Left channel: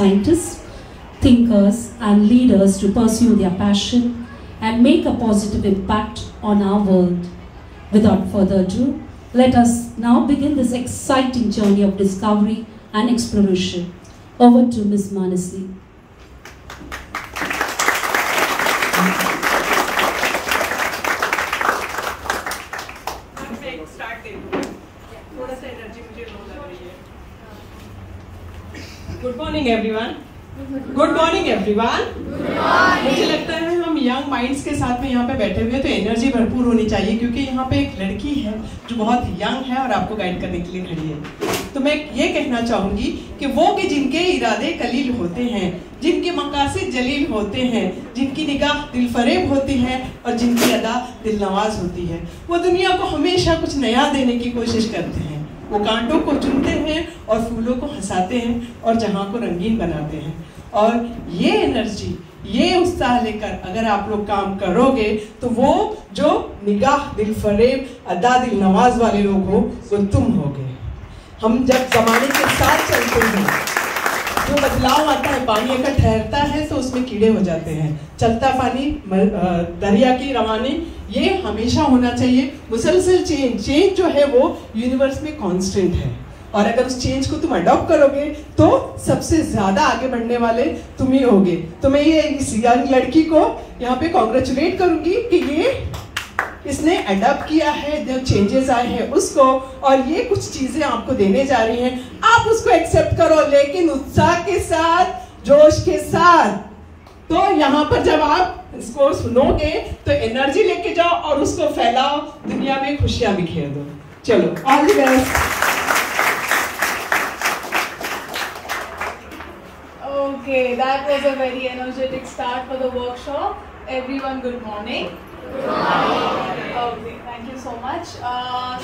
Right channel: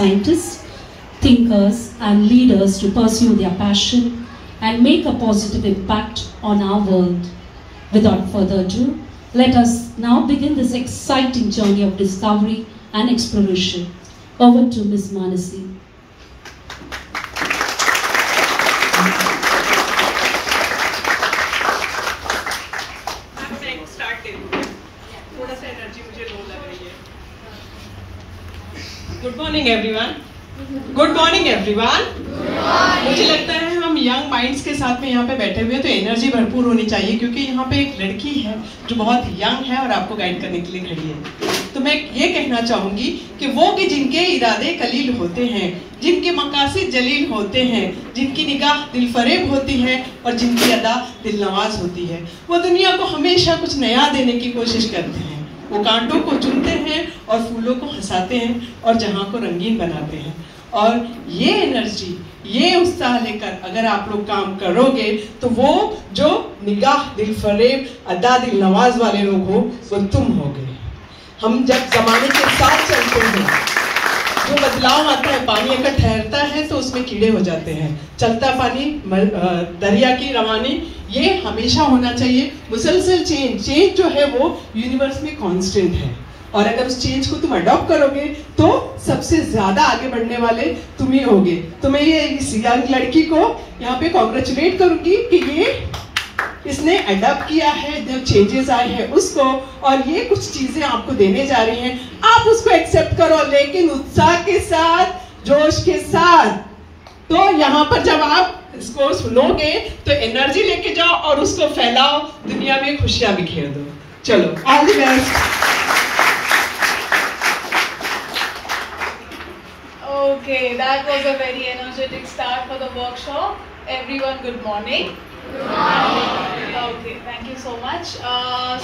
scientists, thinkers and leaders to pursue their passion and make a positive impact on our world. Without further ado, let us now begin this exciting journey of discovery and exploration. Over to Ms. Manasi. Good morning everyone. Good morning everyone. मुझे लगता है हम young minds के साथ में यहाँ पे बैठे हुए हैं तो एनर्जी भरपूर होनी चाहिए क्योंकि यहाँ पे एक लड़की है जो बहुत यंग है और आपको गाइड करने के लिए खड़ी है। तो मैं ये कहना चाहूंगी कि वो कि जिनके इरादे कलील होते हैं, जिनके मकासिद जलील होते हैं, जिनकी निगाह दिलफरेब होती है और जिनकी अदा दिलनवाज होती है, वो दुनिया को हमेशा कुछ नया देने की कोशिश करते हैं। वो कांटों को चुनते हैं और फूलों को हंसाते हैं और जहां को रंगीन बनाते हैं। और ये एनर्जी, ये उत्साह लेकर अगर आप लोग काम करोगे तो वो जो निगाह दिलफरेब अदा दिल नवाज वाले लोग हो वो तुम होगे। हम जब जमाने के साथ चलते हैं, जो बदलाव आता है, पानी अगर ठहरता है तो उसमें कीड़े हो जाते हैं। चलता पानी, दरिया की रवानी, ये हमेशा होना चाहिए। मुसलसल चेंज जो है वो यूनिवर्स में कांस्टेंट है और अगर उस चेंज को तुम अडॉप्ट करोगे तो सबसे ज्यादा आगे बढ़ने वाले तुम ही होगे। तो मैं ये इस यंग लड़की को यहाँ पे कॉन्ग्रेचुलेट करूंगी कि इसने अडॉप्ट किया है, जो चेंजेस आए हैं उसको, और ये कुछ चीजें आपको देने जा रही हैं। आप उसको एक्सेप्ट करो लेकिन उत्साह के साथ, जोश के साथ। तो यहाँ पर जब आप इसको सुनोगे तो एनर्जी लेके जाओ और उसको फैलाओ, दुनिया में खुशियां बिखेर दो। चलो, all the best. Okay, that was a very energetic start for the workshop. Everyone, good morning. Good morning. Okay, thank you so much.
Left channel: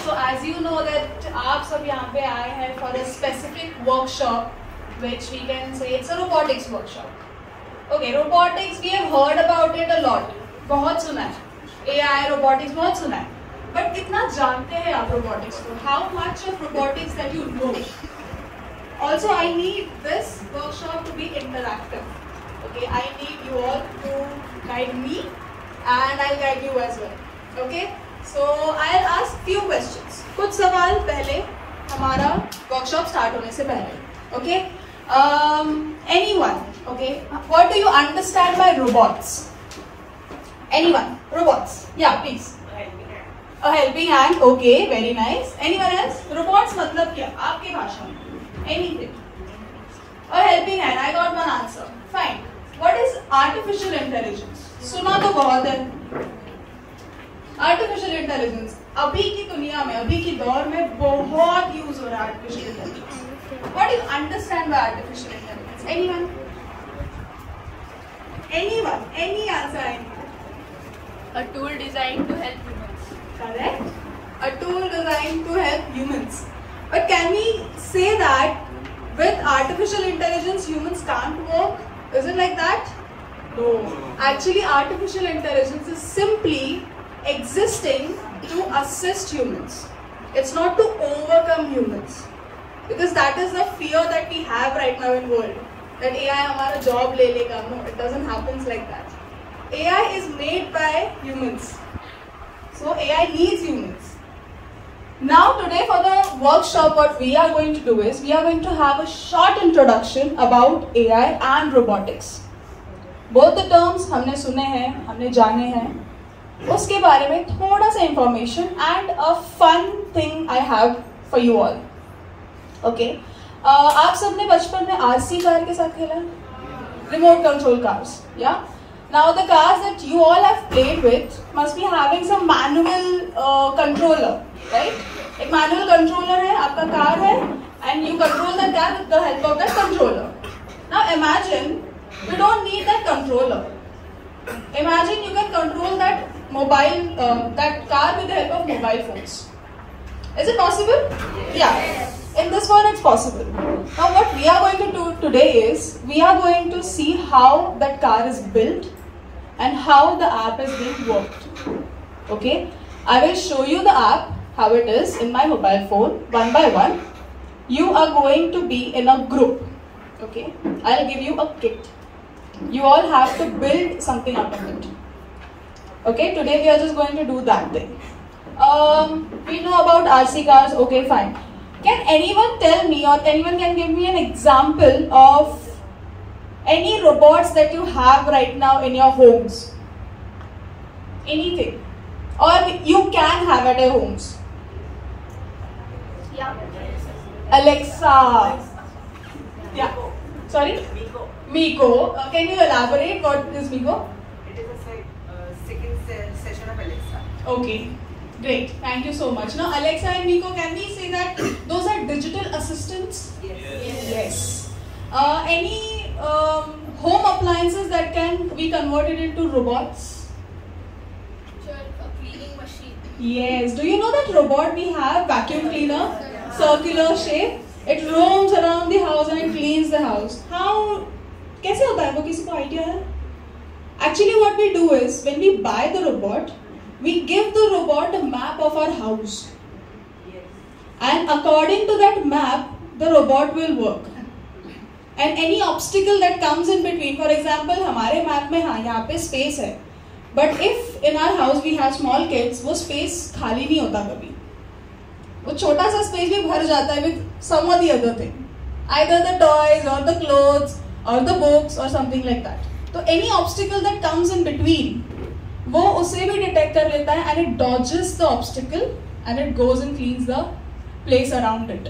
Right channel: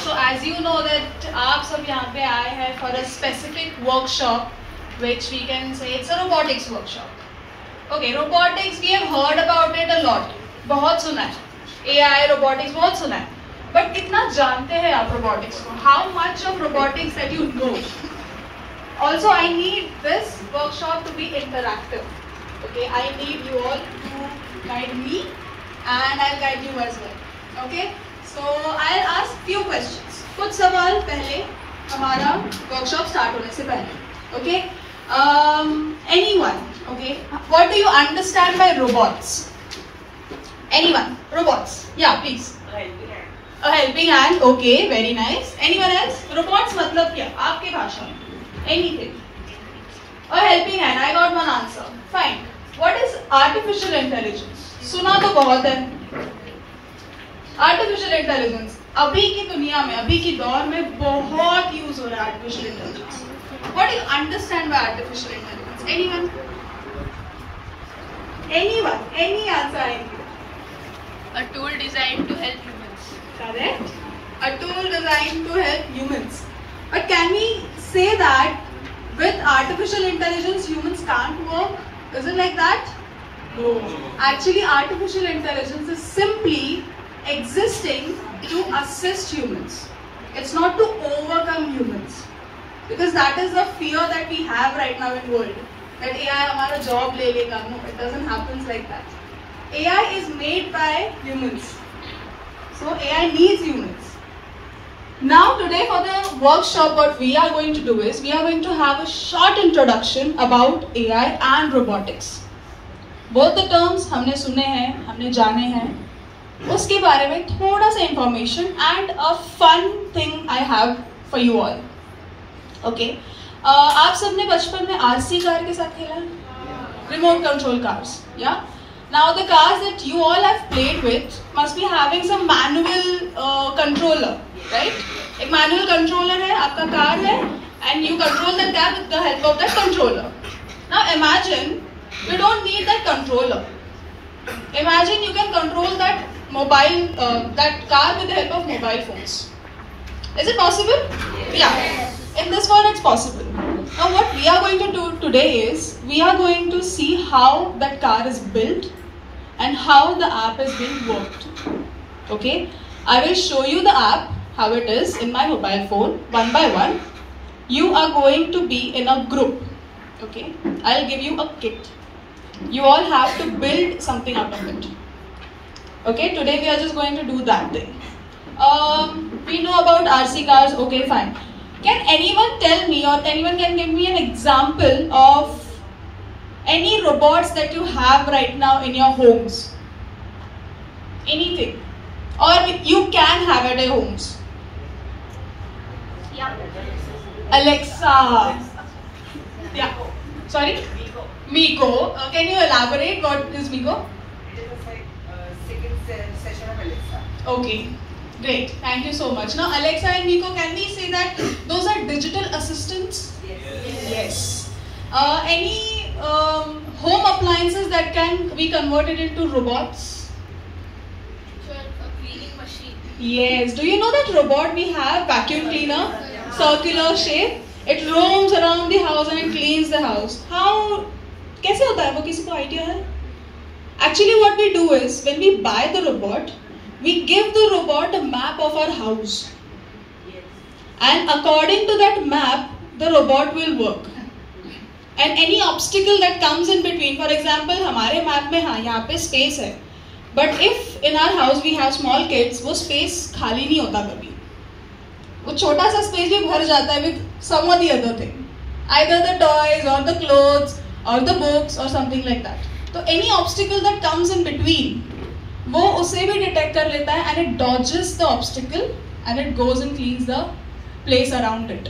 So as you know that आप सब यहाँ पे आए हैं for a specific workshop, which we can say it's a robotics workshop. Okay, robotics we have heard about it a lot. बहुत सुना है. AI, robotics बहुत सुना है. But कितना जानते हैं आप robotics को? How much of robotics that you know? Also, I need this workshop to be interactive. Okay, I need you all to guide me, and I'll guide you as well. Okay, so I'll ask few questions. कुछ सवाल पहले हमारा workshop start होने से पहले. Okay, anyone? Okay, what do you understand by robots? Anyone? Robots? Yeah, please. A helping hand. Okay, very nice. Anyone else? Robots मतलब क्या? आपकी भाषा में. Anything. A helping hand. I got one answer. Fine. What is artificial intelligence? सुना तो बहुत है. Artificial intelligence. अभी की दुनिया में, अभी की दौर में बहुत यूज हो रहा है artificial intelligence. What do you understand by artificial intelligence? Anyone? Anyone? Any answer? A tool designed to help humans. Correct. A tool designed to help humans. But can we say that with artificial intelligence humans can't work? Is it like that? No. Actually, artificial intelligence is simply existing to assist humans. It's not to overcome humans. Because that is the fear that we have right now in the world. That AI हमारा job ले लेगा. No, it doesn't happen like that. AI is made by humans. So AI needs humans. Now today for the workshop what we are going to do is we are going to have a short introduction about AI and robotics. Both the terms हमने सुने हैं, हमने जाने हैं, उसके बारे में थोड़ा सा information and a fun thing I have for you all. Okay, आप सबने बचपन में RC कार के साथ खेला है? Remote control cars, yeah? Now the cars that you all have played with must be having some manual controller, right? एक manual controller है, आपका car है, and you control that car with the help of that controller. Now imagine you don't need that controller. Imagine you can control that that car with the help of mobile phones. Is it possible? Yeah. In this world it's possible. Now what we are going to do today is we are going to see how that car is built and how the app is being worked. Okay, I will show you the app, how it is in my mobile phone one by one. You are going to be in a group. Okay, I'll give you a kit. You all have to build something out of it. Okay, today we are just going to do that then. We know about RC cars, okay, fine. Can anyone tell me, or anyone can give me an example of any robots that you have right now in your homes? Anything. Or you can have at your homes. Yeah. Alexa. Yeah. Sorry? Miko. Can you elaborate what is Miko? It is like second session of Alexa. Okay. Great. Thank you so much. Now Alexa and Miko, can we say that those are digital assistants? Yes. Any home appliances that can be converted into robots? A cleaning machine. Yes. Do you know that robot we have, vacuum cleaner, circular shape? It roams around the house and it cleans the house. How? कैसे होता है वो? किसी को idea है? Actually, what we do is when we buy the robot, we give the robot a map of our house. And according to that map, the robot will work. And any obstacle that comes in between, for example, हमारे map में हाँ यहाँ पे space है. But if in our house we have small kids, वो space खाली नहीं होता कभी. वो छोटा सा space भी भर जाता है with some or the other thing. Either the toys or the clothes or the books or something like that. So any obstacle that comes in between, वो उसे भी detect कर लेता है and it dodges the obstacle and it goes and cleans the place around it.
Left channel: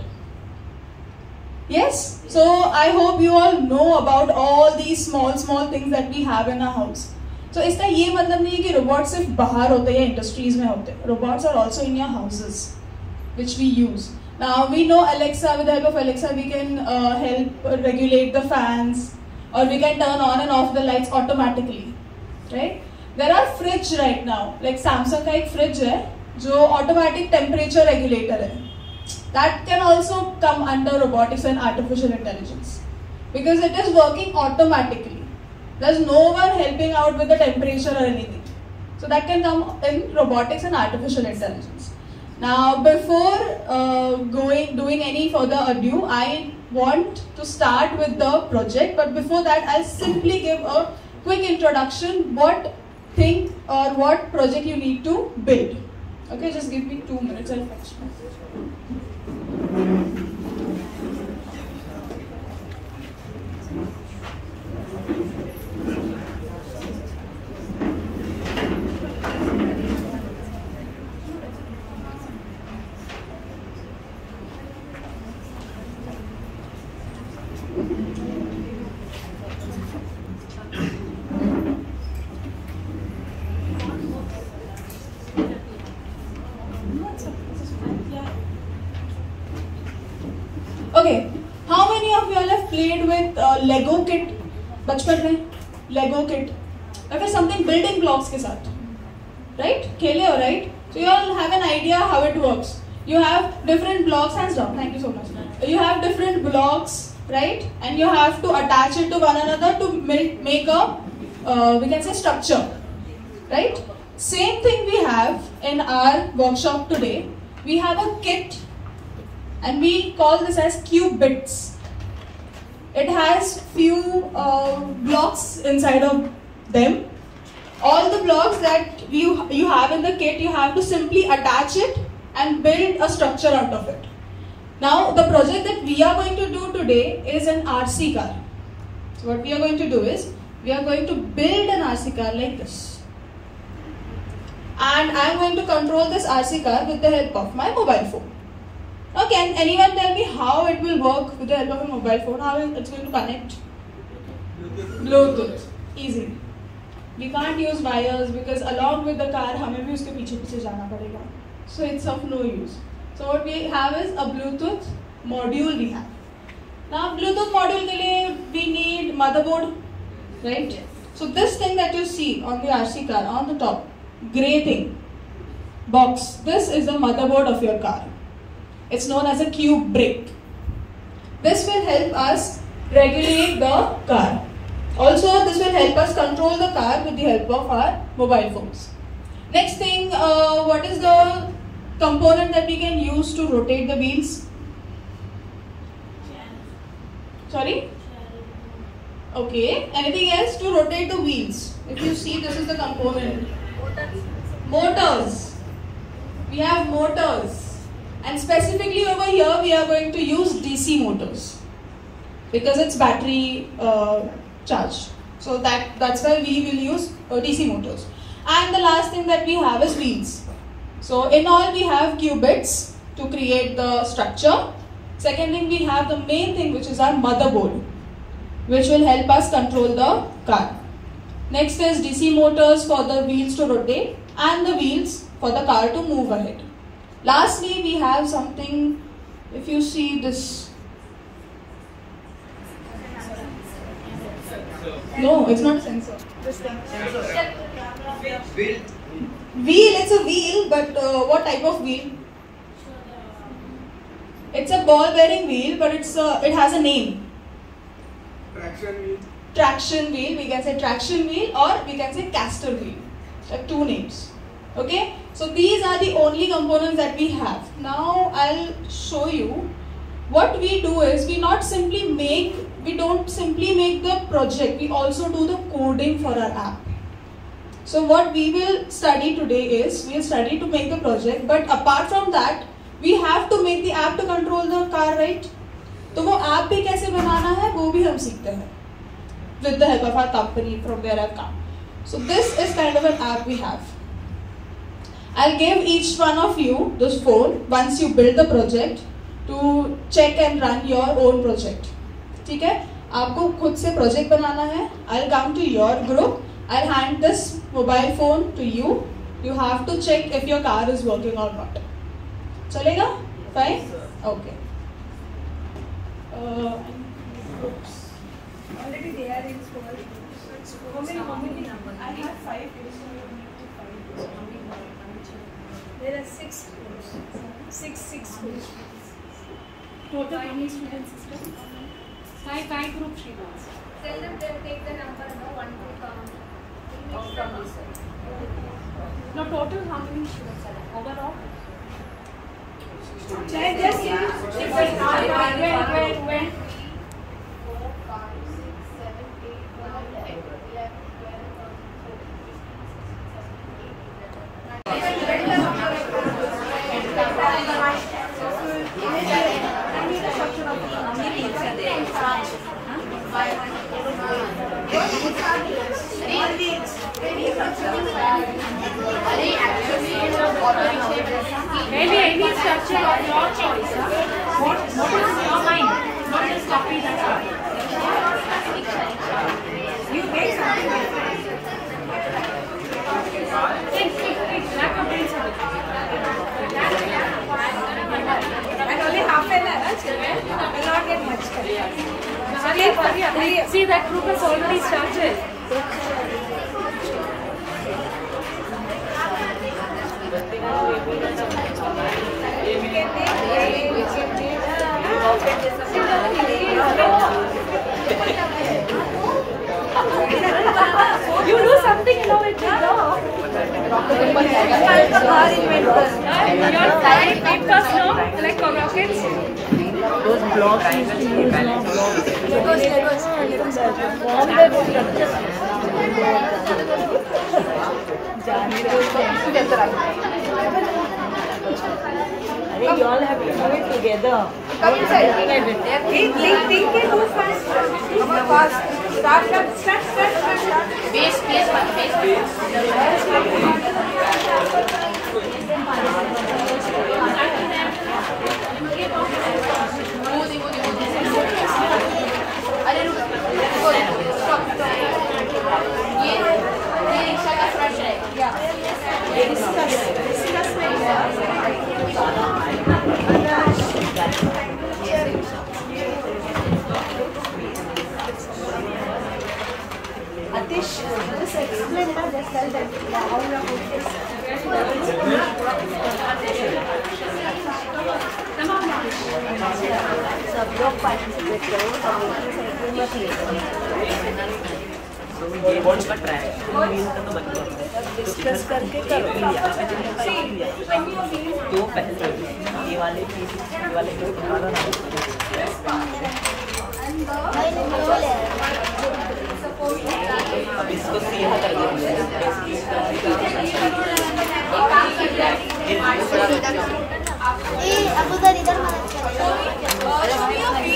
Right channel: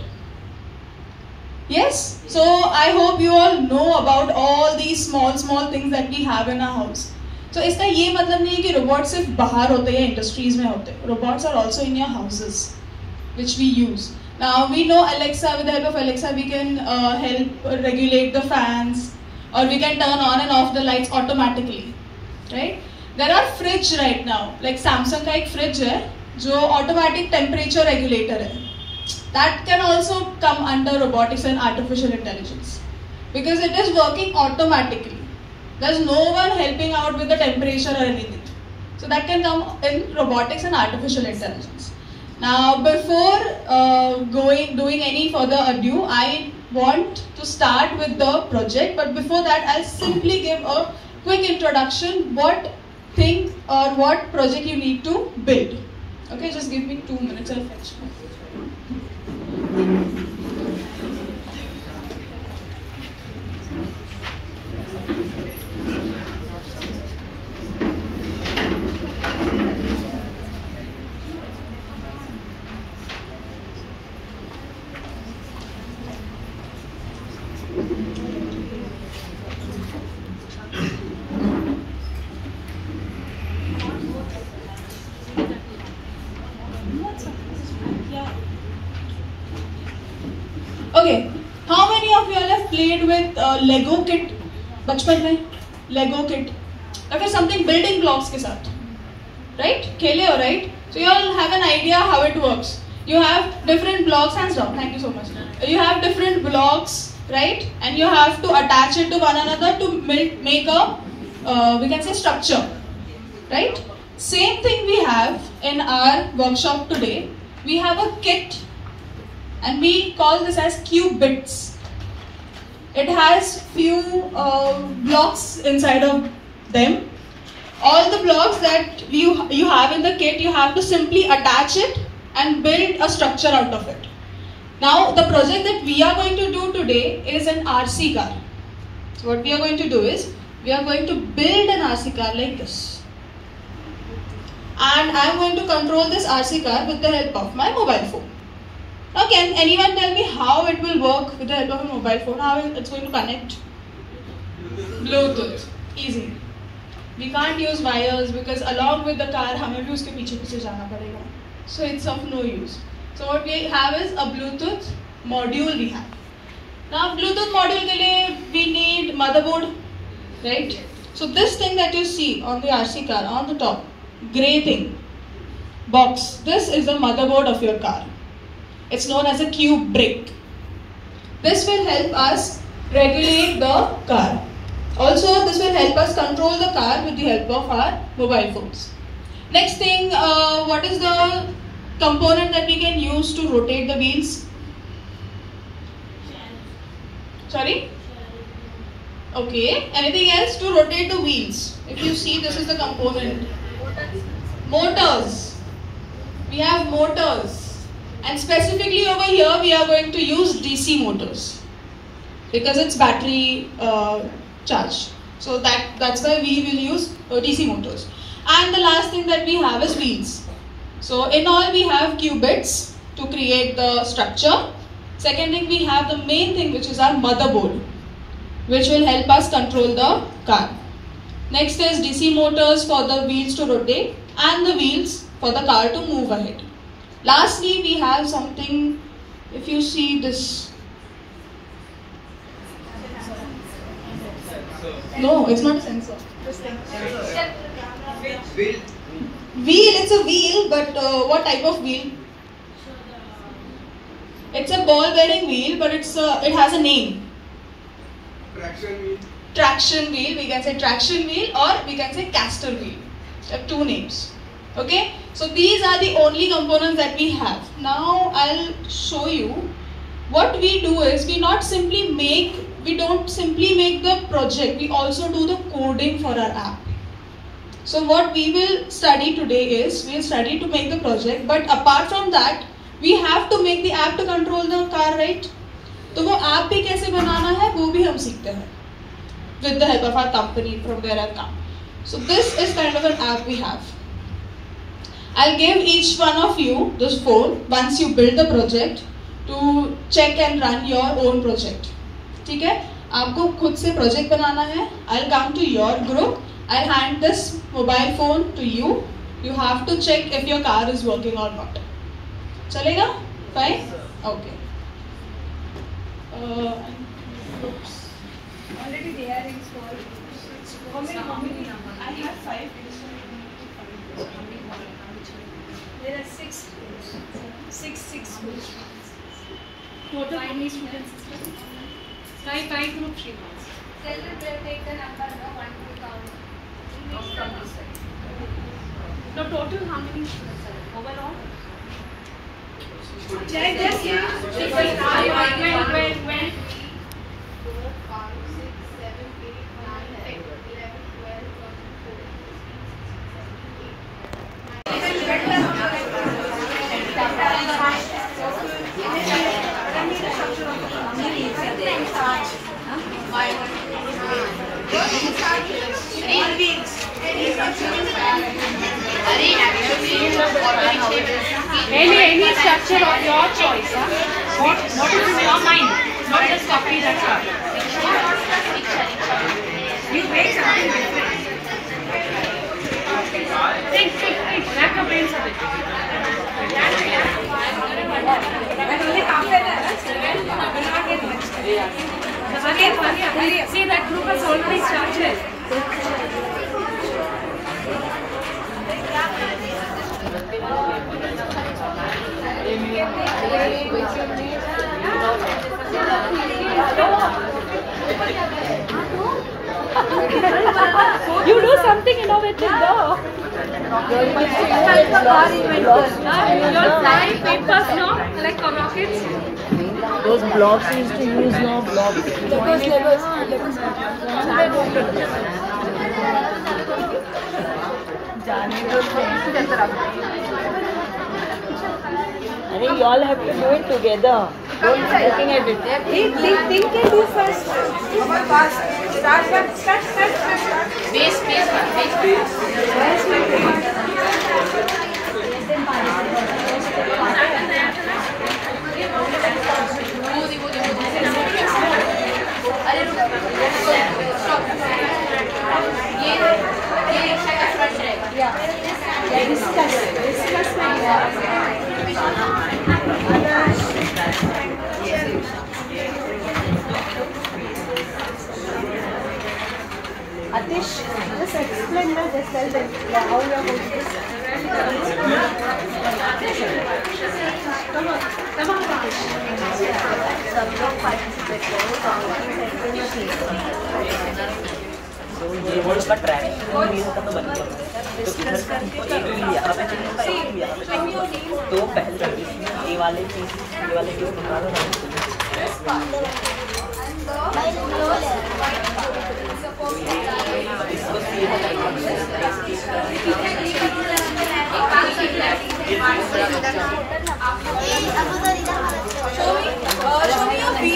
Yes? So I hope you all know about all these small things that we have in our house. So इसका ये मतलब नहीं है कि robots सिर्फ बाहर होते हैं या industries में होते हैं. Robots are also in your houses, which we use. Now we know Alexa, with the help of Alexa we can help regulate the fans, or we can turn on and off the lights automatically, right? There are fridge right now, like Samsung का एक fridge है जो automatic temperature regulator है. That can also come under robotics and artificial intelligence because it is working automatically. There's no one helping out with the temperature or anything. So that can come in robotics and artificial intelligence. Now, before doing any further ado, I want to start with the project. But before that, I'll simply give a quick introduction. What thing or what project you need to build. Okay, just give me 2 minutes. I'll fetch. Okay, how many of you all have played with Lego kit? बचपन में Lego kit या फिर something building blocks के साथ, right? खेले हो, right? So you all have an idea how it works. You have different blocks. Hands down. Thank you so much. You have different blocks, right? And you have to attach it to one another to make a we can say structure, right? Same thing we have in our workshop today. We have a kit. And we call this as qubits. It has few blocks inside of them. All the blocks that you have in the kit, you have to simply attach it and build a structure out of it. Now, the project that we are going to do today is an RC car. So what we are going to do is, we are going to build an RC car like this. And I am going to control this RC car with the help of my mobile phone. Now, can anyone tell me how it will work with the help of a mobile phone? How it's going to connect? Bluetooth. Easy. We can't use wires because along with the car, हमें भी उसके पीछे जाना पड़ेगा. So it's of no use. So what we have is a Bluetooth module we have. Now Bluetooth module के लिए we need motherboard, right? So this thing that you see on the RC car on the top, grey thing, box. This is the motherboard of your car. It's known as a cube brick. This will help us regulate the car. Also, this will help us control the car with the help of our mobile phones. Next thing, what is the component that we can use to rotate the wheels? Sorry? Okay. Anything else to rotate the wheels? If you see, this is the component. Motors. We have motors, and specifically over here we are going to use DC motors because it's battery charged. So that's why we will use DC motors. And the last thing that we have is wheels. So in all we have qubits to create the structure. Second thing, we have the main thing, which is our motherboard, which will help us control the car. Next is DC motors for the wheels to rotate and the wheels for the car to move ahead. Lastly, we have something, if you see this. No, it's not a sensor. This thing. Wheel, it's a wheel, but what type of wheel? It's a ball bearing wheel, but it has a name. Traction wheel. Traction wheel, we can say traction wheel, or we can say caster wheel. There are two names. Okay, so these are the only components that we have. Now I'll show you what we do is we don't simply make the project, we also do the coding for our app. So what we will study today is, we'll study to make the project, but apart from that, we have to make the app to control the car, right? तो वो app भी कैसे बनाना है वो भी हम सीखते हैं with the help of our company from where I've come. So this is kind of an app we have. I'll give each one of you this phone once you build the project to check and run your own project. ठीक है? आपको खुद से project बनाना है. I'll come to your group. I'll hand this mobile phone to you. You have to check if your car is working or not. चलेगा? Fine? Okay. Already they are installed. How many? I have 5. There are 6 schools. 6 schools. Total how many students? 5 group she wants. Tell them to take the number, no 1 to count. Now total how many students are overall? Check this. When 4, 5, 6, 7, 8, 9, 10, 11, any structure of your choice. What is in your mind? Not just copy that stuff. You make something different. Think. Rack your brains a bit. and only half an hour, children will not get much time. Hurry. See, that group has already started. You do something innovative, no? You'll fly papers, no? Like rockets? You all have to do it together. Don't looking at it. Think and do first. Start. Atish, just explain it. Just tell them how you are doing this. सब लोग participate करो, ये words का track discuss करके तो पहले ये वाले के निकालो ना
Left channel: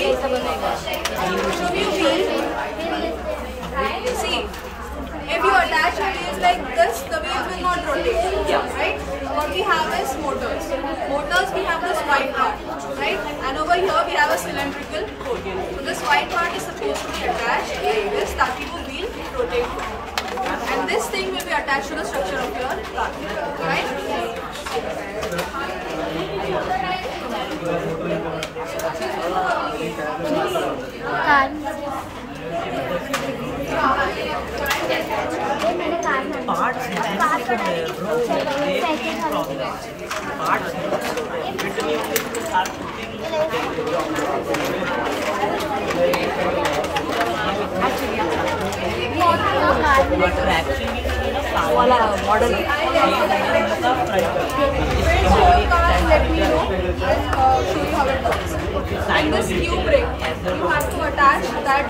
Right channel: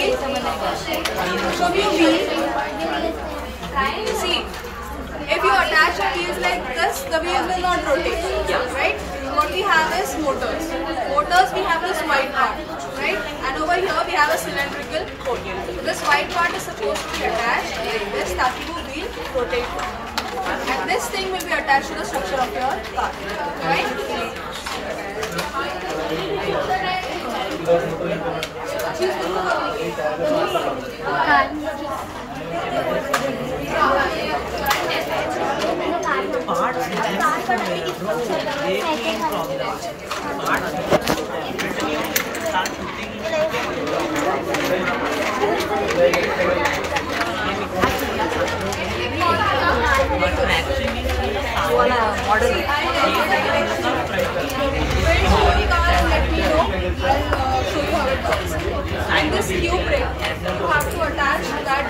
should you wheel? See, if you attach your wheels like this, the wheels will not rotate, right? What we have is motors. Motors, we have this white part, right? And over here we have a cylindrical hole. So this white part is supposed to be attached like this, ताकि वो wheel rotate. And this thing will be attached to the structure of your car, right? Parts And this tube brake, you have to attach that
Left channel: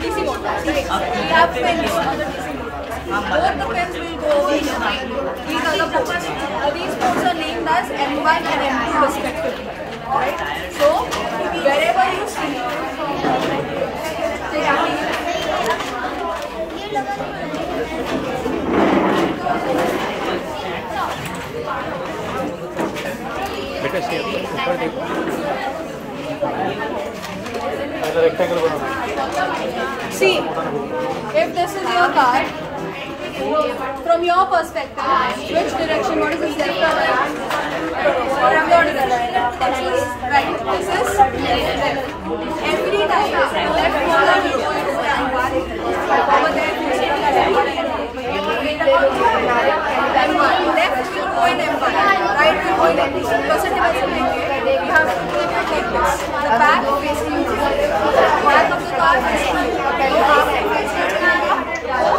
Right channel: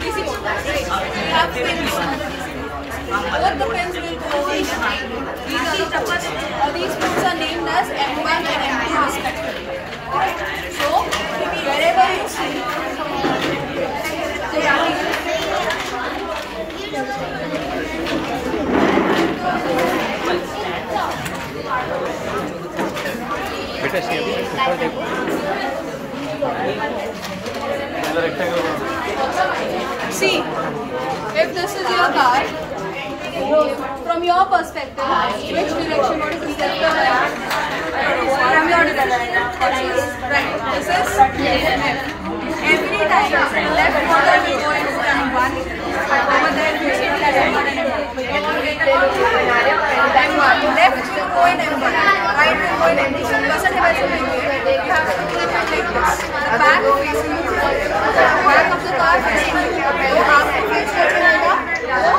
DC motor. You have pins on the DC motor. Both the pins will go over here. These are the ports. Now these ports are named as M1 and M2 respectively. Right? So wherever you see बेटा ऊपर देखो see, if this is your car, from your perspective, which direction, what is the self from your direction? Right, this is every time left motor will go in M1, over there we see that M1 and M1, left will go in M1, right will go in M2. Percentage you have to put it like this, the back facing you, back of the car facing you. So आपको face करके आएगा, तो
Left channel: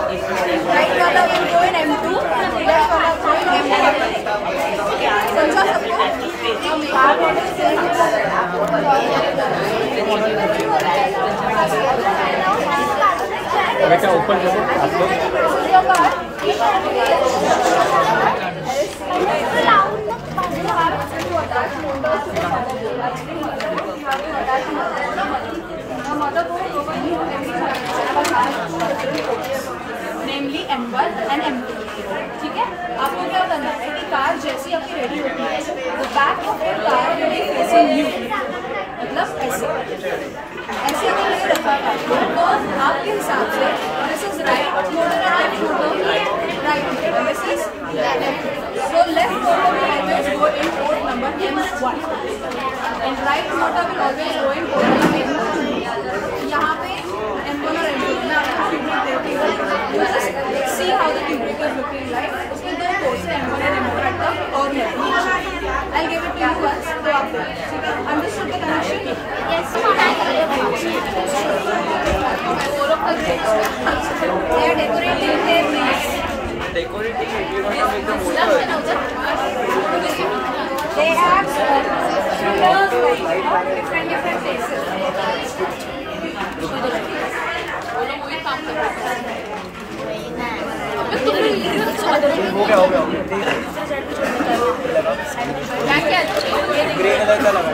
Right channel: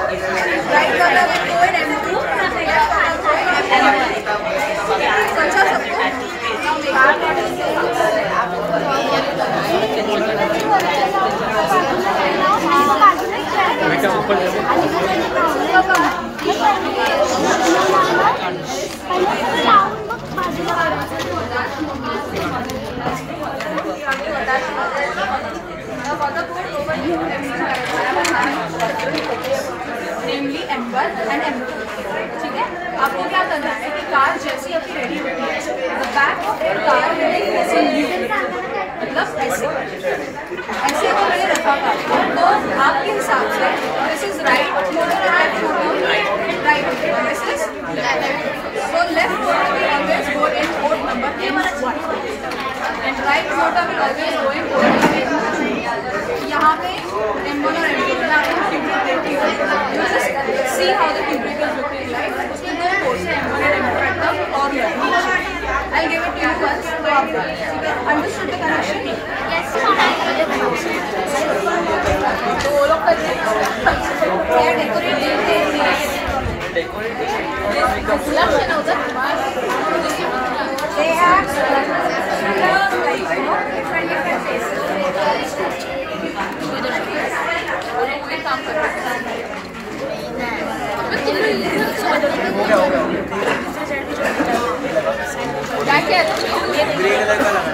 right वाला will go in M2, left वाला will go in M1. समझा सबको? बेटा ऊपर नेमली M1 and M2. ठीक है, आपको क्या करना है कि कार जैसी आपकी रेडी होती है, the back of your car will be facing you, मतलब ऐसे ऐसे अगर नहीं रखा कार को, तो आपके हिसाब से this is right motor and left motor, right this is left. So left motor will always go in port number M1 and right motor will always go in port number M2. यहाँ पे M1 और M2 ना tube brake. You just see how the tube brake is looking like. उसमें दो ports हैं M1 and M2 at the corner. I'll give it to you once. तो आप ठीक है? Understood the connection? Yes. तो वो लोग कर देंगे. They are decorating their nails. Decorating They have वही काम कर रहे हैं. ग्रे कलर का लगा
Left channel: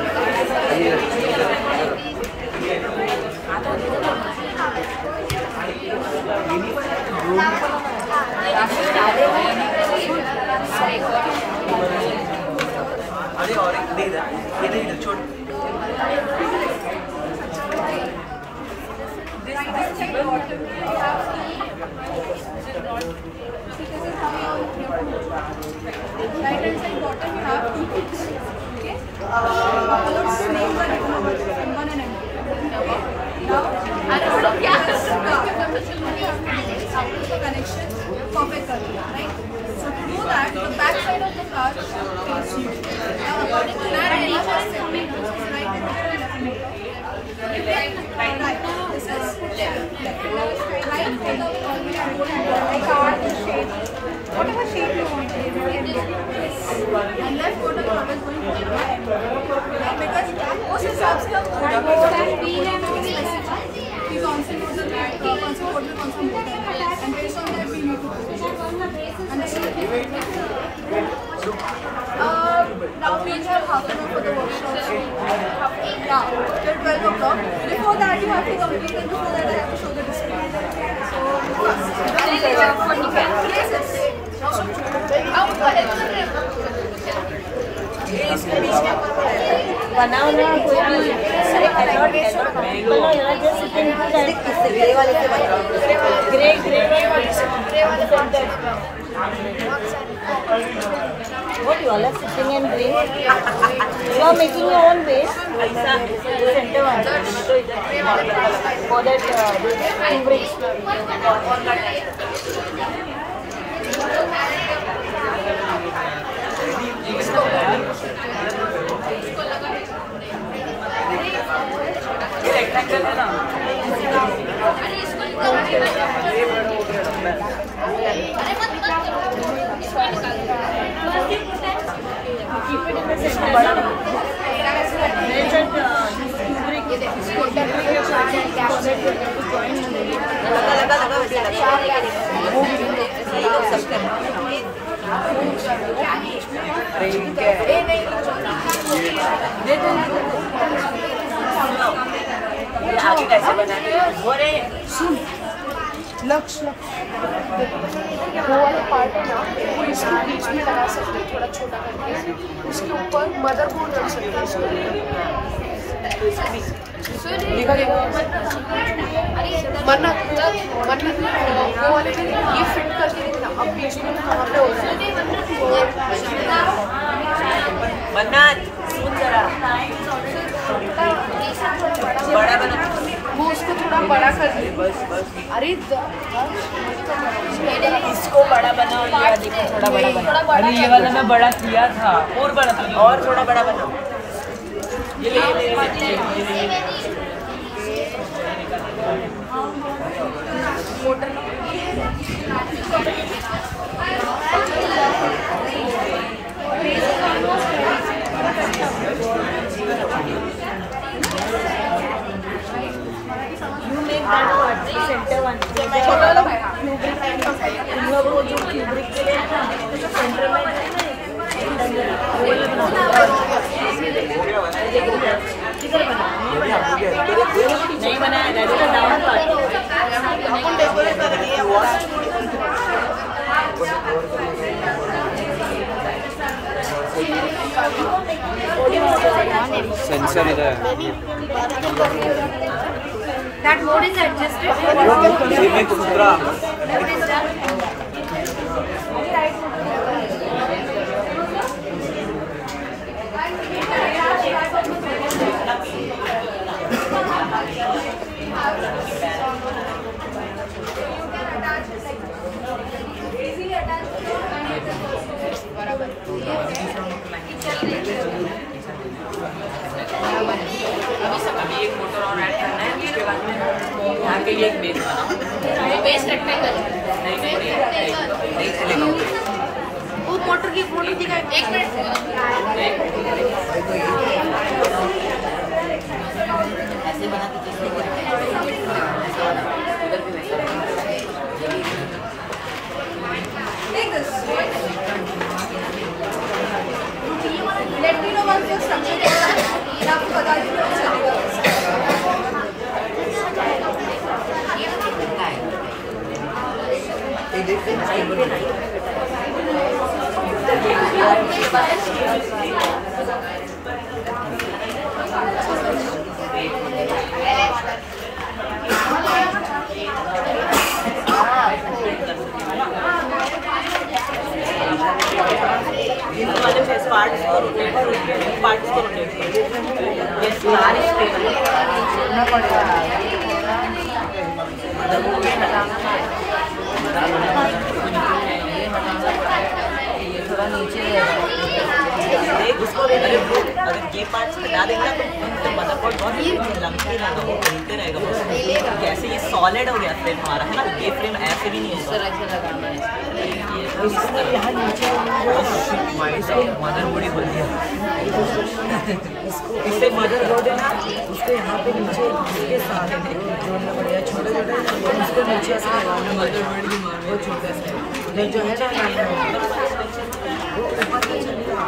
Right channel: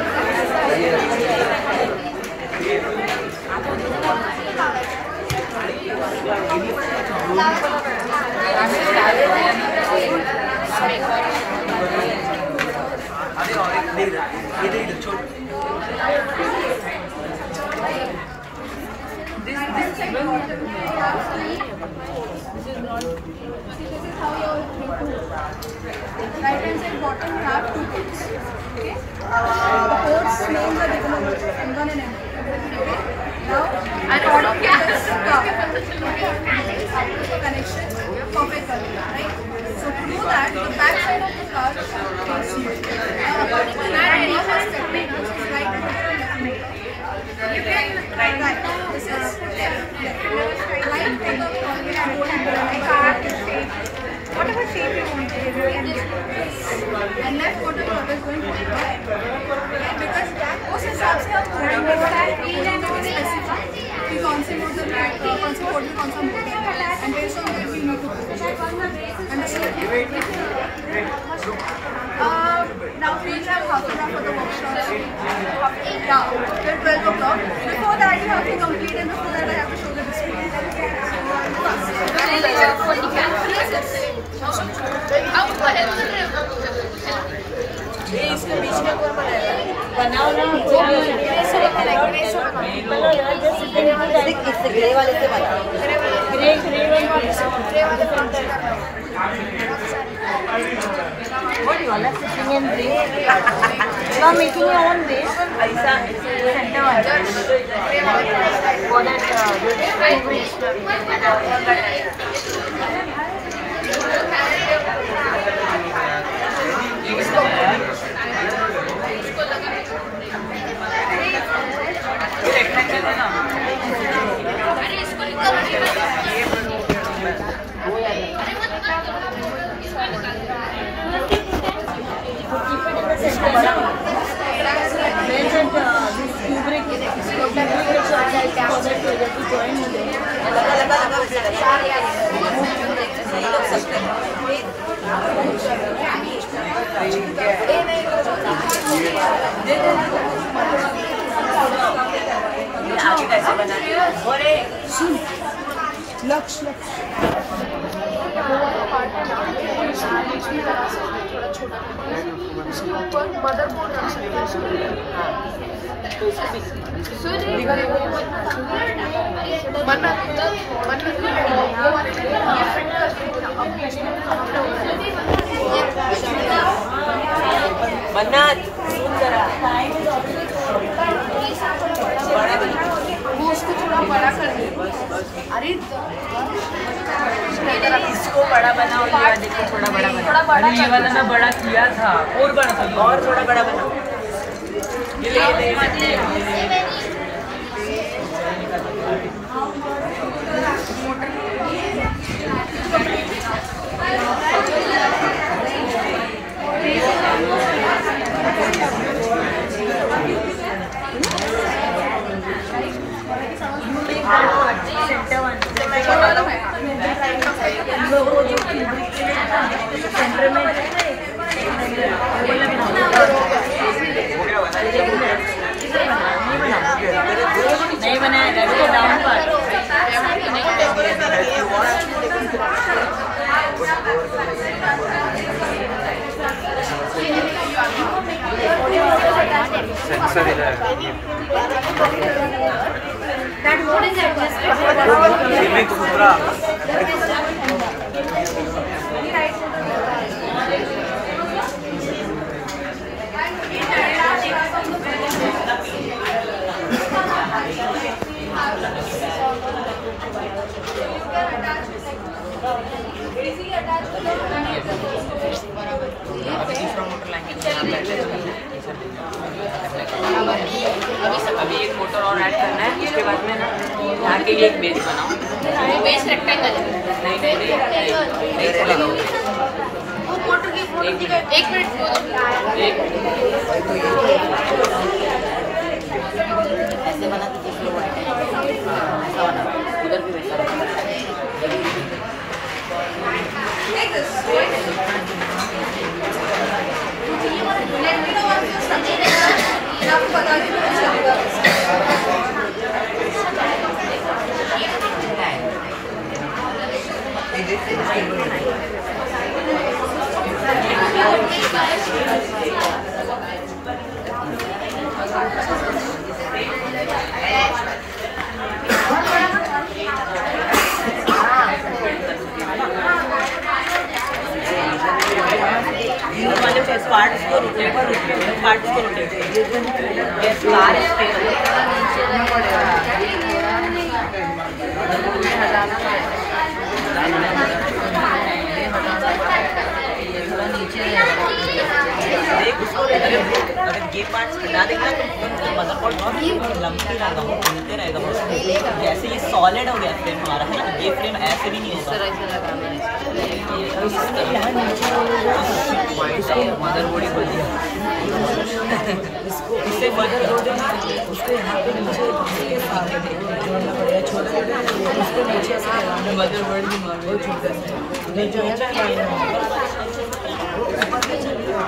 Right hand side bottom you have two ports. Okay. The ports names are given over M1 and M2. Okay. Now according to this connection perfect करना, right? So to do that, the back side of the car is smooth. Now according to that, right and left motor. Right. This is left. Right motor will always go in whatever shape you want. And left motor will always go in because उस हिसाब से आप coding में specify कि कौन सी motor कौन C code में कौन सा मोटर है and based on that we need to code. Understood? Now we have half an hour for the workshop. Yeah. 12 o'clock. Before that you have to complete and before that I have to show the display. So fast. बनाओ ना कोई grey वाले से बनाओ grey वाले part कर लो what you are sitting in grey you are making your own grey ऐसा center में तो इधर for that all that keep it in the center बड़ा लक्ष्य वो वाला पार्ट है ना उसको बीच में लगा सकते हैं थोड़ा छोटा करके उसके ऊपर मदरबोर्ड रख सकते हैं ये फिट करके अब बीच में बड़ा बना वो उसको थोड़ा बड़ा कर दे बस अरे इसको बड़ा बनाओ ये वाले को थोड़ा बड़ा बनाओ अरे ये वाला मैं बड़ा किया था और बड़ा करो और थोड़ा बड़ा बनाओ ये ले सेंटर वन छोटा वाला है सेंटर में नहीं बनाया सेंसर इधर That mode is adjusted. बराबर है अभी एक मोटर और ऐड करना है इसके बाद में ना यहाँ के लिए एक बेस बनाओ वो बेस रेक्टेंगल है वो मोटर की पूरी एक मिनट ऐसे बना दीजिए ऐसा बना उधर भी वैसा रखना Let me know what your structure is. आपको बता दूँ वाले पार्ट्स को रोटेट पार्ट्स को रोटेट करना पड़ेगा थोड़ा नीचे देख उसको अगर ये पार्ट्स हटा देंगे ना तो मदरबोर्ड बहुत लंबी रहेगा वो घूमते रहेगा जैसे ये सॉलिड हो गया फ्रेम हमारा है ना ये फ्रेम ऐसे भी नहीं होगा ऐसे लगाना है इसमें यहाँ नीचे मदरबोर्ड इसको इसे मदरबोर्ड है ना उसको यहाँ पे नीचे इसके साथ जोड़ना पड़ेगा छोटा छोटा उसको नीचे से लगाना मदरबोर्ड की मांग वो छोटा सा उधर जो है ना वो ऊपर से चलेगा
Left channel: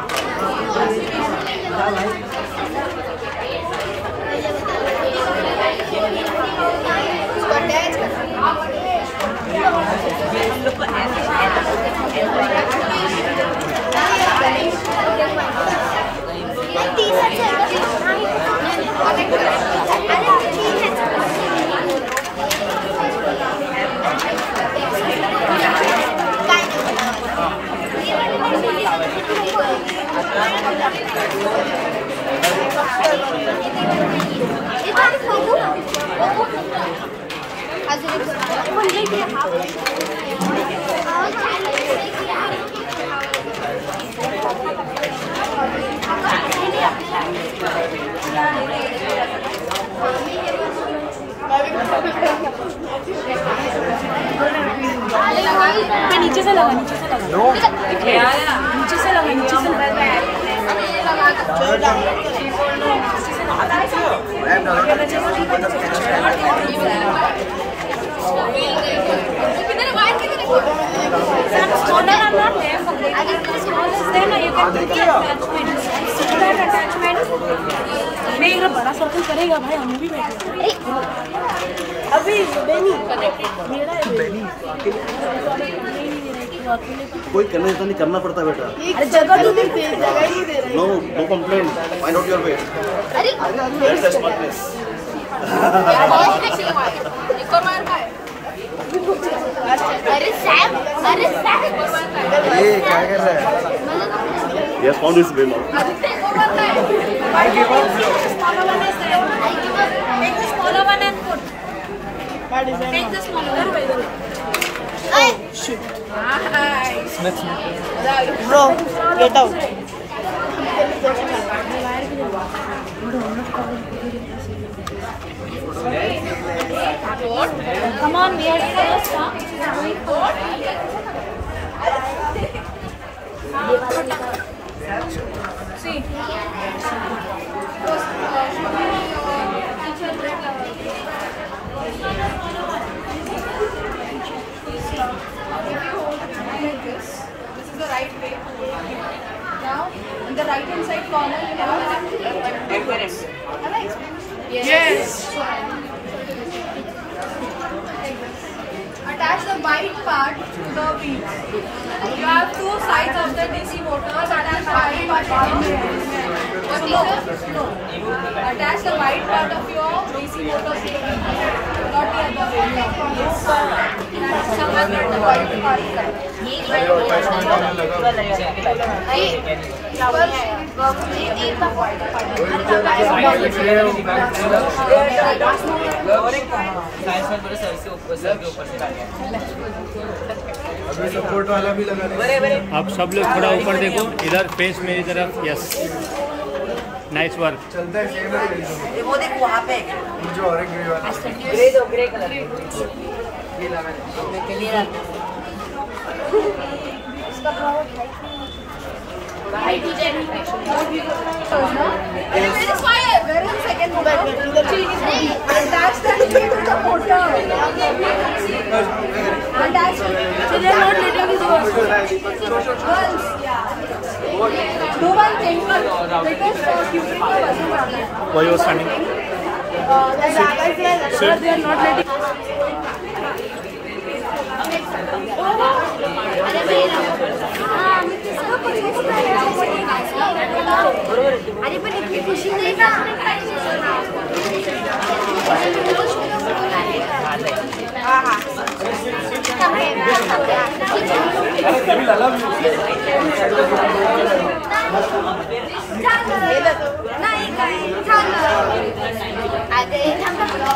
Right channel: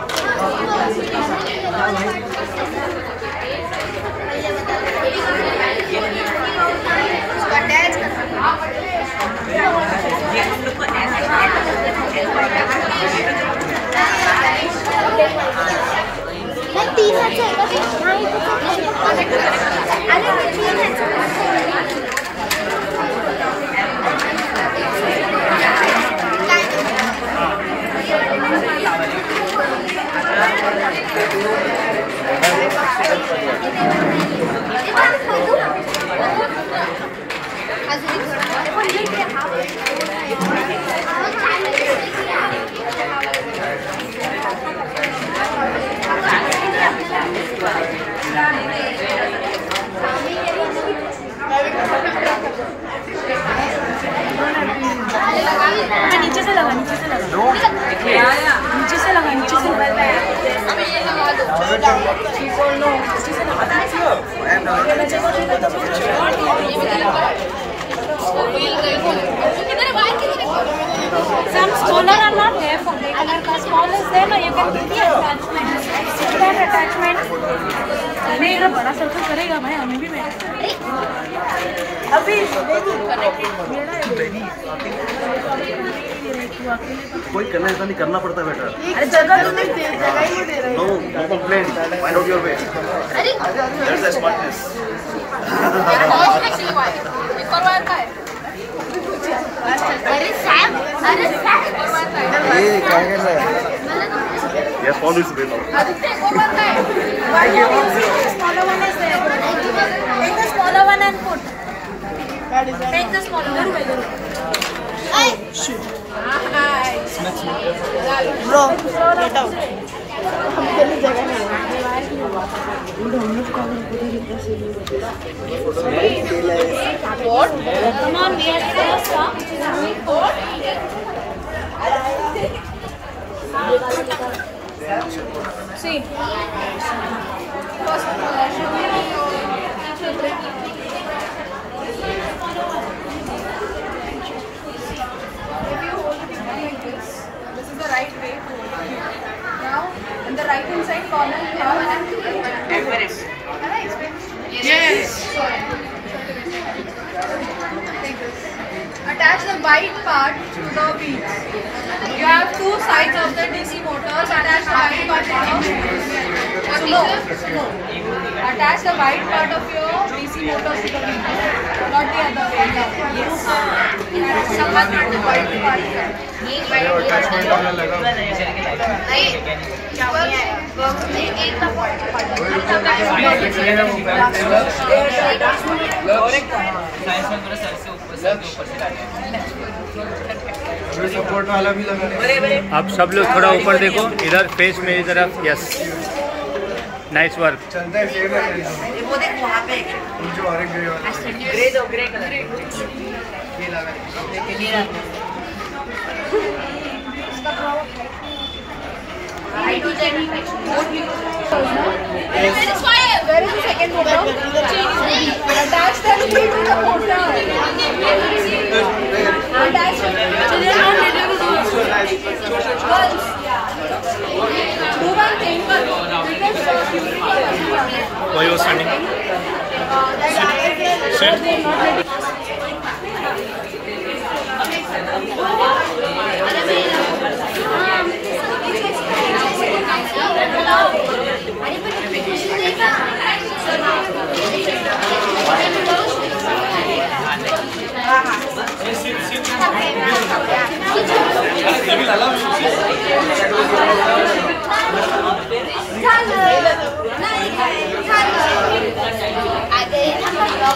नीचे से लगा नीचे से अब ये लगा दो करेगा भाई हमें भी अभी कोई करना है तो नहीं करना पड़ता बेटा। अरे जगह तो दे जगह ही दे रहे no no complaint find out your way. अरे that's the smartness. Actually why एक और वायर का है अरे सैम ये क्या है yes found this way now. Take the smaller one and put. Take the smaller one. Oh shit. Nice. No, get out. What? Come on, we are first, huh? See. This is the right way to hold it. Now, in the right hand side corner, you have Everest. Have I explained this? Yes. Attach the white part to the wheels. You have two sides of the DC motors. Attach the white part of Attach the white part of your DC motors to the wheels. Not the other way. Support वाला भी लगा। आप सब लोग थोड़ा ऊपर देखो, इधर फेस मेरी तरफ। Yes, nice work. चलता है सेम है वो देख वहाँ पे जो ऑरेंज ग्रे दो ग्रे कलर ये लगा अपने के लिए रखते हैं। Where is the second motor? Attach the key to the motor. Attach it. So they are not literally Girls, do one thing. Because curing the wasn't problem. Why you standing? Sir, they are not letting. अरे पर इतनी खुशी नहीं था।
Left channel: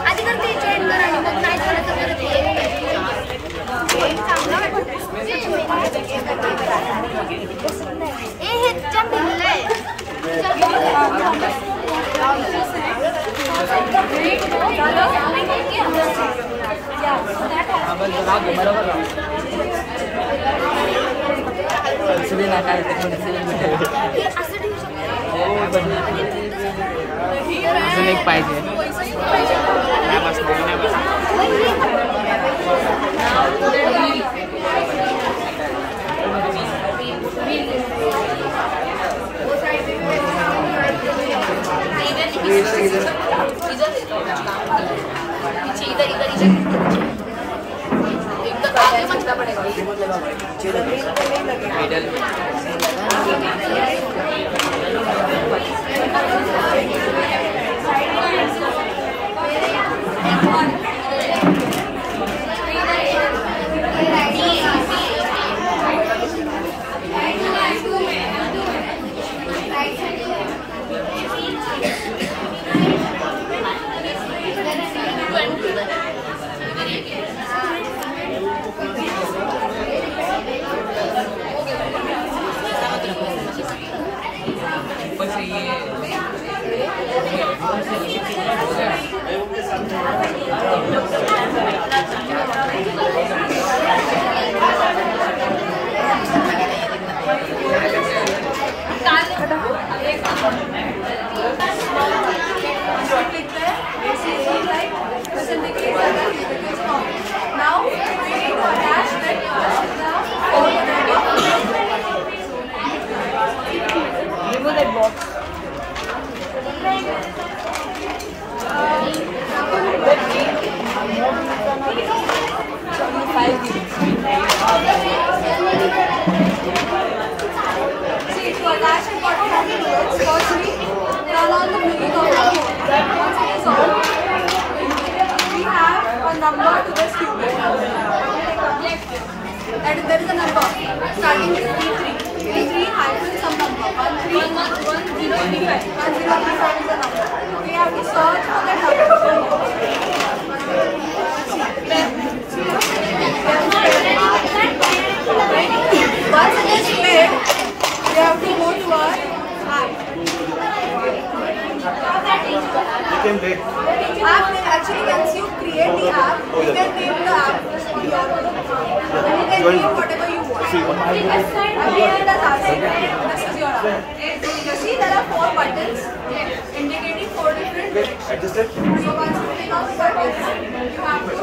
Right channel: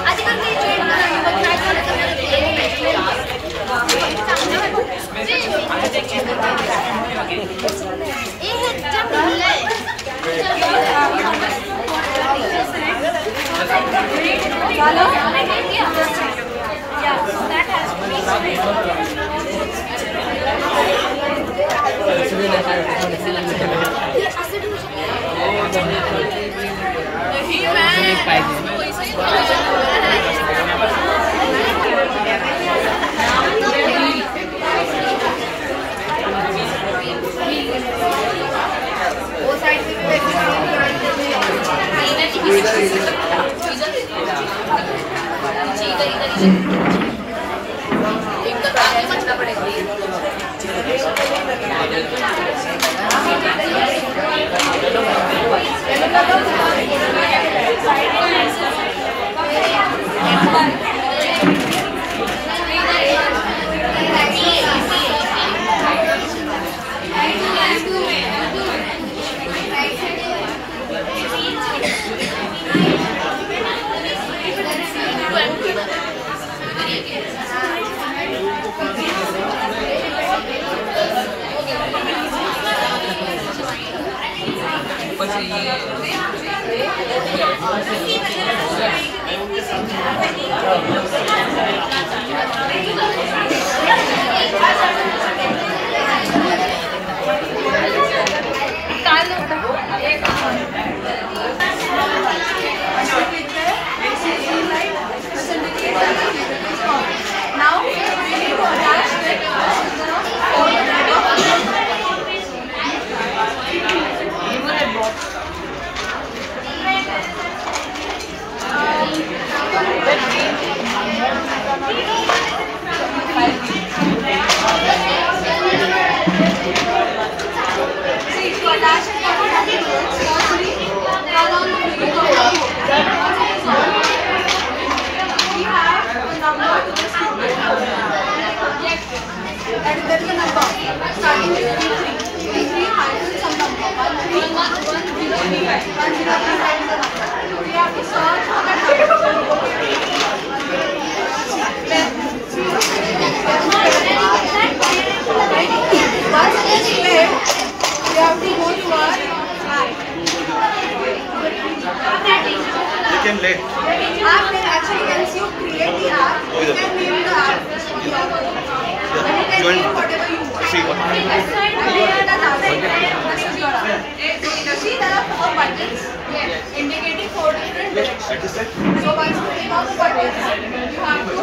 आधी करते join करा आणि मग नाही झालं तर परत पाहिजे एकदम आगे मचना पड़ेगा। and there is a number starting with 33. 33 has some number. 1035. 1035 is the number. We have to search for that number. Once it is played, we have to go to our app. You can play. App actually once you create the app, you can name the app. You can name whatever you want. See. And here the app. This is your app. You see there are 4 buttons indicating 4 different directions. So once you click on the buttons, you have to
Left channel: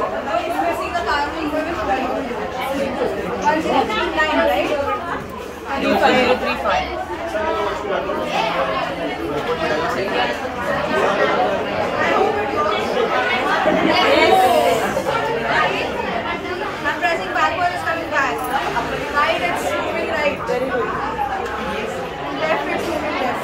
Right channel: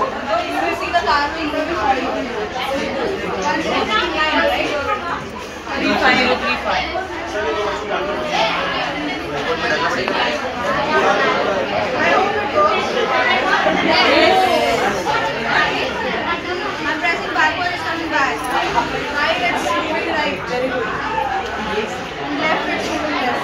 see the car will go before you. Once you have 9, right? 35. I'm pressing backward, it's coming back. Right, it's moving right. Very good. Left, it's moving left.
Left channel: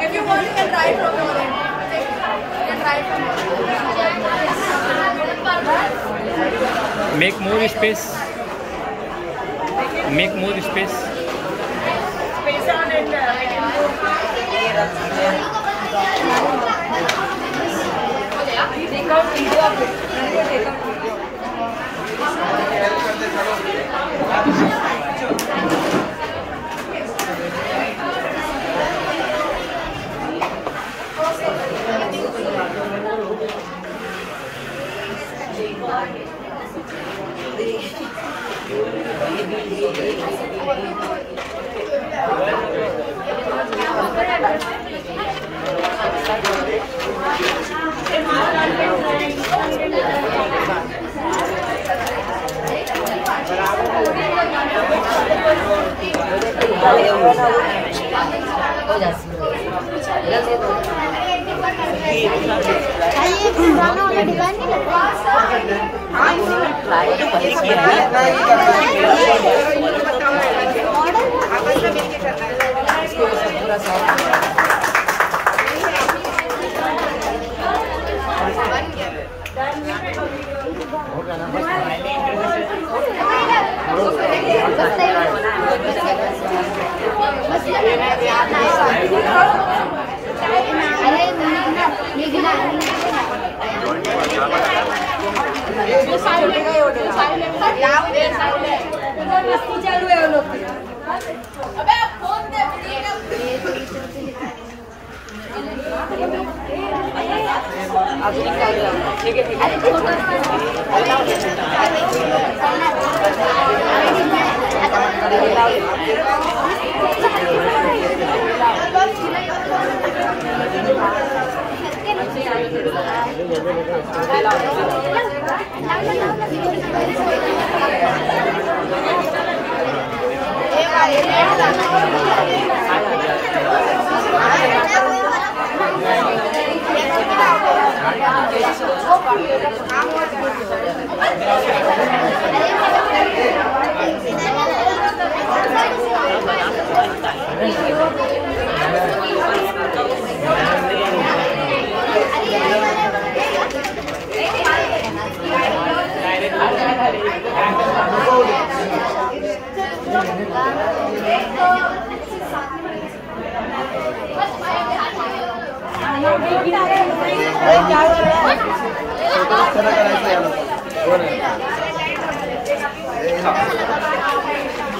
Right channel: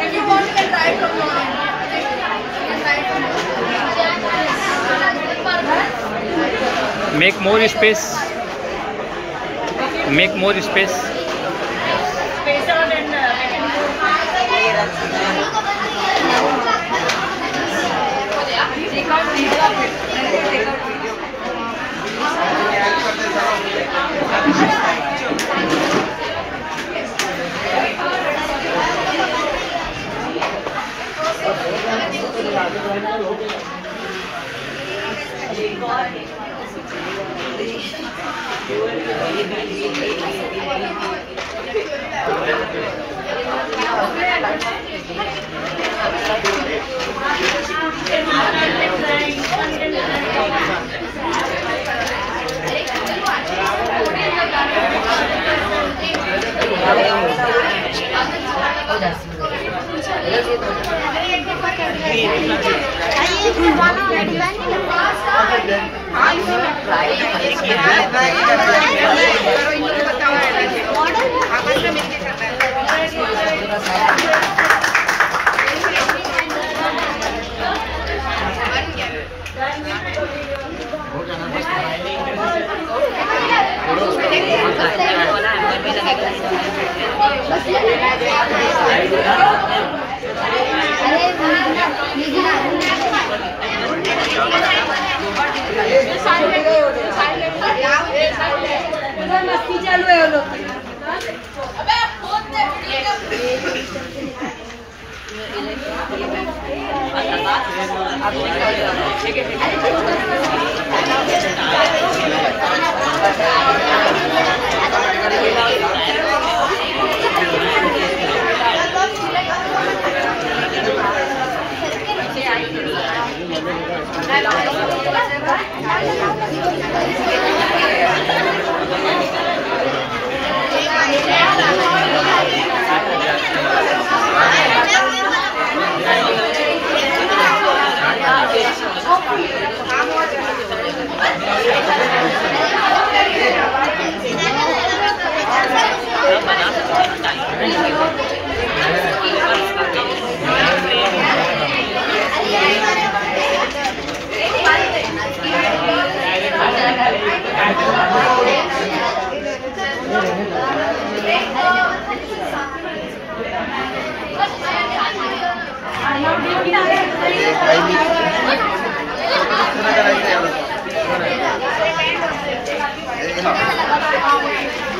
If you want, you can try from your end. You can try from your end. Make more space. Make more space. Space out and I can go.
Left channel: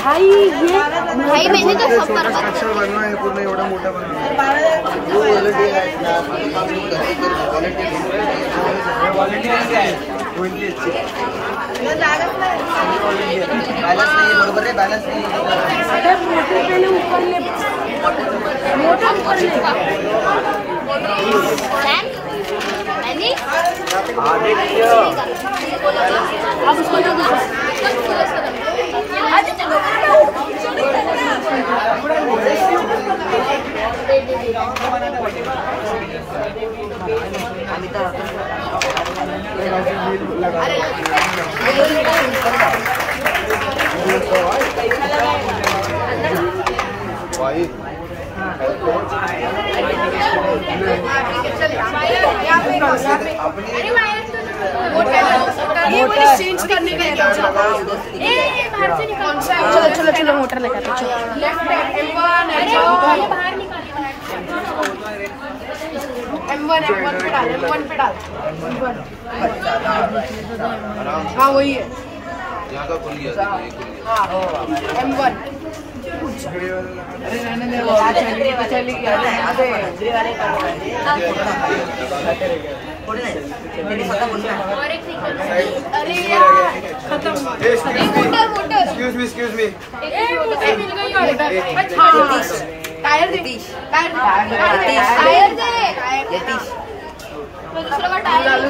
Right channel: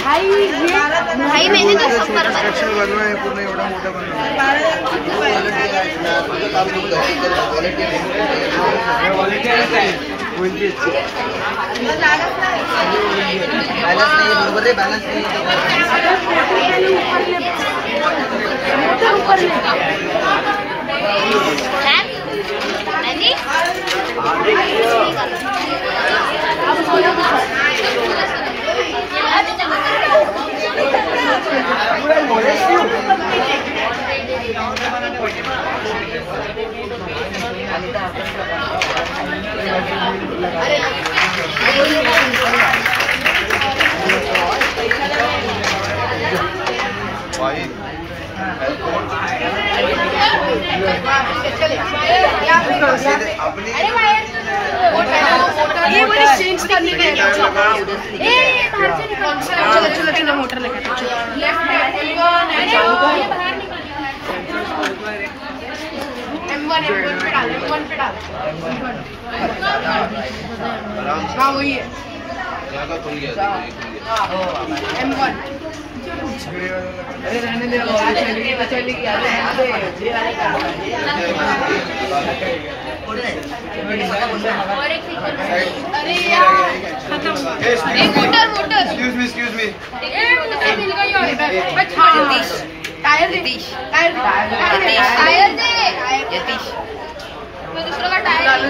भाई मैंने तो सब कर structure करना है पूर्ण एवढा मोठा बैलेंस नहीं बरोबर है बैलेंस नहीं चेंज करने का चलो चलो चलो मोटर लेकर M1 पे डाल M1 पे डाल हाँ वही है M1 अरे रहने दे वो चली गया अरे यार एक्सक्यूज मी टायर दे यतीश वो दूसरा का टायर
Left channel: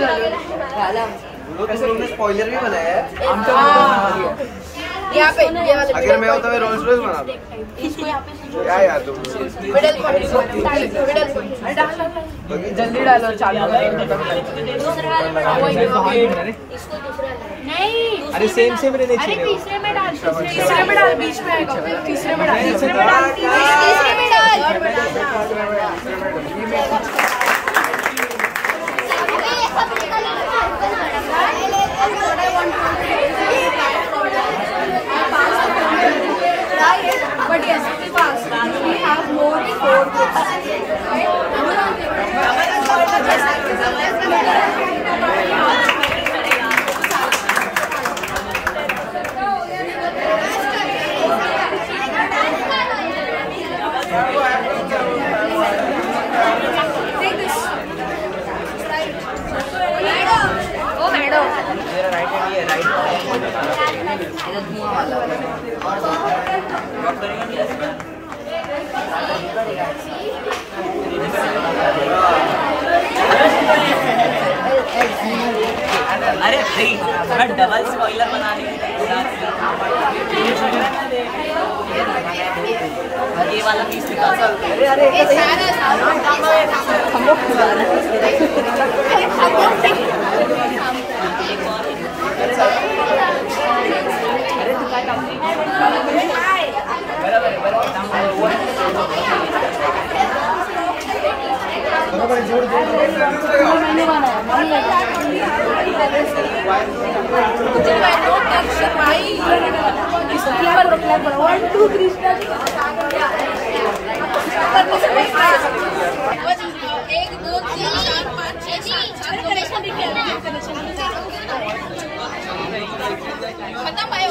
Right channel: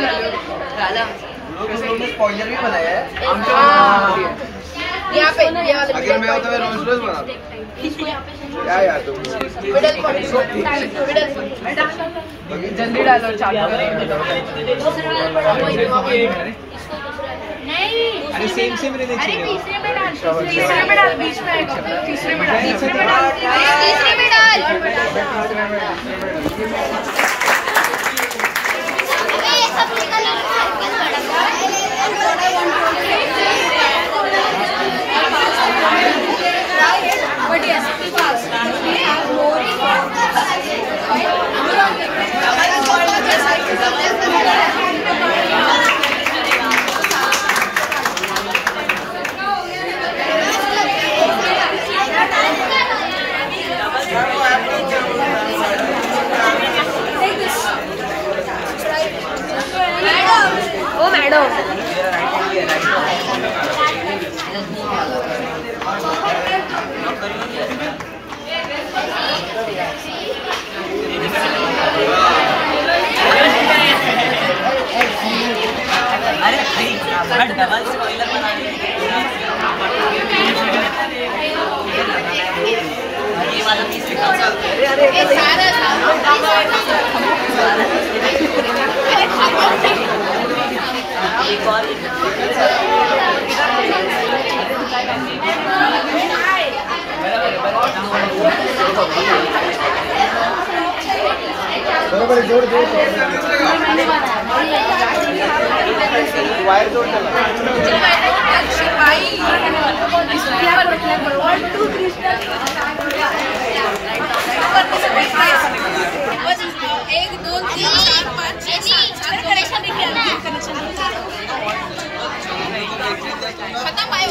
डाला तुमने स्पॉइलर भी बनाया है यहाँ पे अगर मैं होता मैं रोल्स रॉयस बनाता इसको यहाँ पे क्या यार तुम जल्दी डालो चालू अरे सेम रहने चाहिए तीसरे में डाल बीच में आएगा तीसरे में डाल But yes, fast because we have more अरे भाई थोड़ा डबल स्पॉइलर बनाने ये वाला पीस निकाल जोड़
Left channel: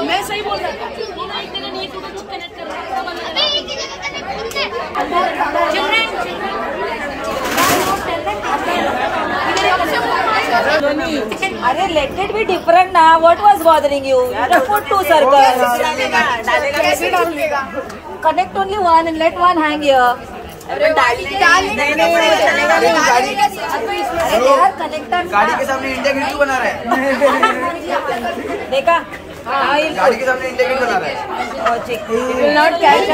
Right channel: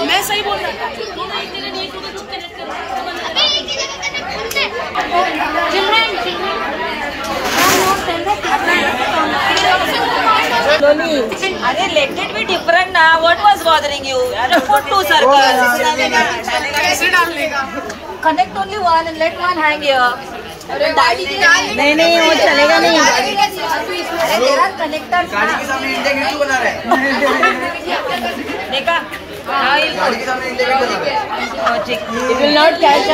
मैं सही बोल रहा अरे let it be different now. What was bothering you? Put two circles. Connect only one and let one hang here. नहीं वो चलेगा नहीं गाड़ी के सामने इंडिया गेट क्यों बना रहा है देखा गाड़ी के सामने इंडिया गेट बना रहा है It will not catch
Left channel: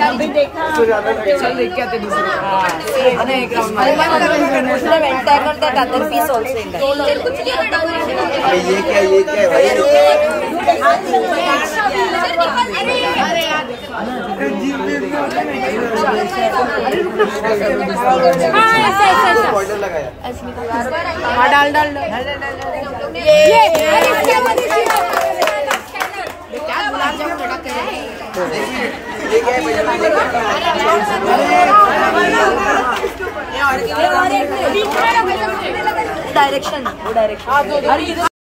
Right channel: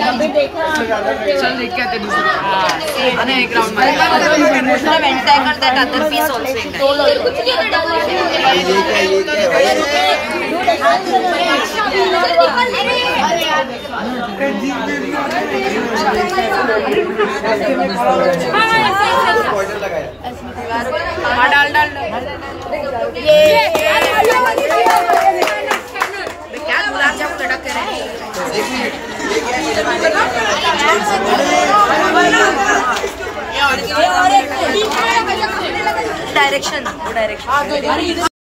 अभी देखा that other piece also in that. ये क्या भाई डाल डायरेक्शन